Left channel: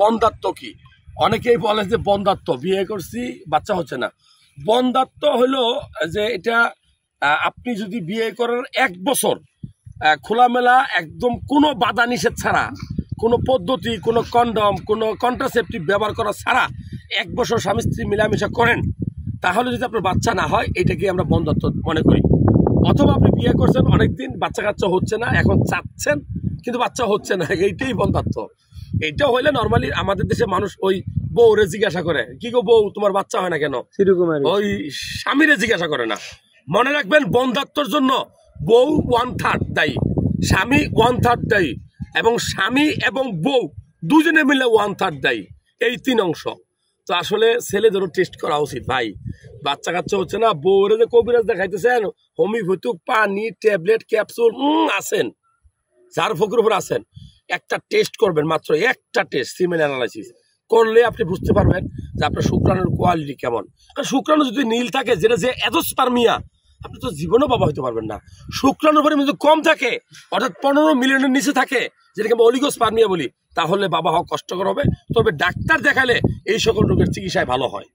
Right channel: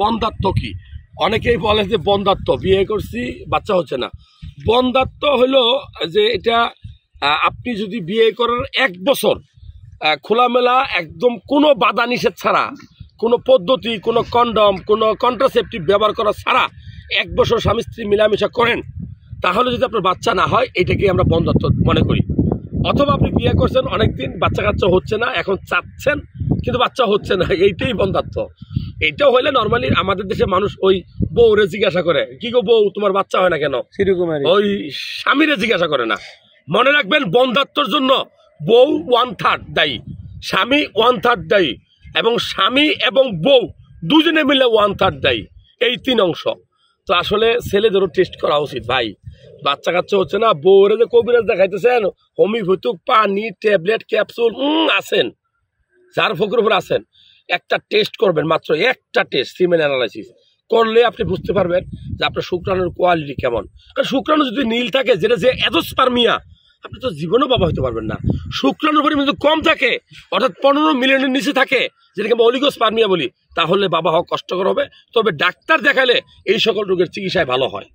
বন্ধাত্ব কি? অনেকেই বলে যে বন্ধাত্ব, বিয়ে করছি বাচ্চা হচ্ছে না। বন্ধাত্ব হলো যে এটা আপনি যদি বিয়ে করার 1 বছর খোলামেলা একদম কোনো বাধা নিষেধ ছাড়া, কোনো পদ্ধতি, কোনো কন্ডম, কোনো কন্ট্রাসেপটিভ ব্যবহার করা ছাড়া 1 বছর স্বামী স্ত্রী মিলামেশা করেন, তাহলে যদি আপনার বাচ্চা না হয় এটাকে আমরা বন্ধাত্ব মনে করি। অথবা আপনি বিয়ে করছেন অনেকদিন, বাচ্চা কাচ্চা হচ্ছে না, এখন চাচ্ছেন কিন্তু বাচ্চা হচ্ছে না, এইটাই বন্ধাত্ব। এইটা হইলে নর্মালি আমাদের দেশে মানুষ ওই বউরে জিজ্ঞাসা করে, কি গো বউ তোমার বাচ্চা হয় না কেন, ওই স্বামীরে জিজ্ঞাসা করে না। মনে রাখবেন, বন্ধাত্বর জন্য বউ 1/3 দায়ী, স্বামী 1/3 দায়ী, এবং স্বামী এবং বউ দুজনে মিলে 1/3 দায়ী। এই 3 অংশ। তো আসলে ছেলেদেরও টেস্ট করা উচিত ভাই। বাচ্চা কাচ্চা হচ্ছে না, বউরে যে কবিরাজ দেখাইতেছেন, হোমিওপ্যাথিক পানি ট্যাবলেট ক্যাপসুল আছেন, যার ফকির উপর আছেন, একটা টেস্ট করবেন, মাত্র একটা টেস্ট, সিমেন অ্যানালাইসিস করলে আপনি বুঝতে পারবেন যে আপনার শুক্রাণুর কোয়ালিটি কেমন। কারণ শুক্রাণু যদি নীল থাকে, যেটা যে এজোস্পার্মিয়া, আপনি তো জীবনেও বাবা হইতে পারবেন না। শুক্রাণুর পরিমাণ যদি কম থাকে, অর্থাৎ 15 মিলিয়নের নিচে থাকে, যেটাকে আমরা অলিগোস্পার্মিয়া বলি, তাহলে বাবা হওয়া কষ্টকর হবে। তবে ডাক্তার দেখালে এই সকল রোগের চিকিৎসায় ভালো হয়।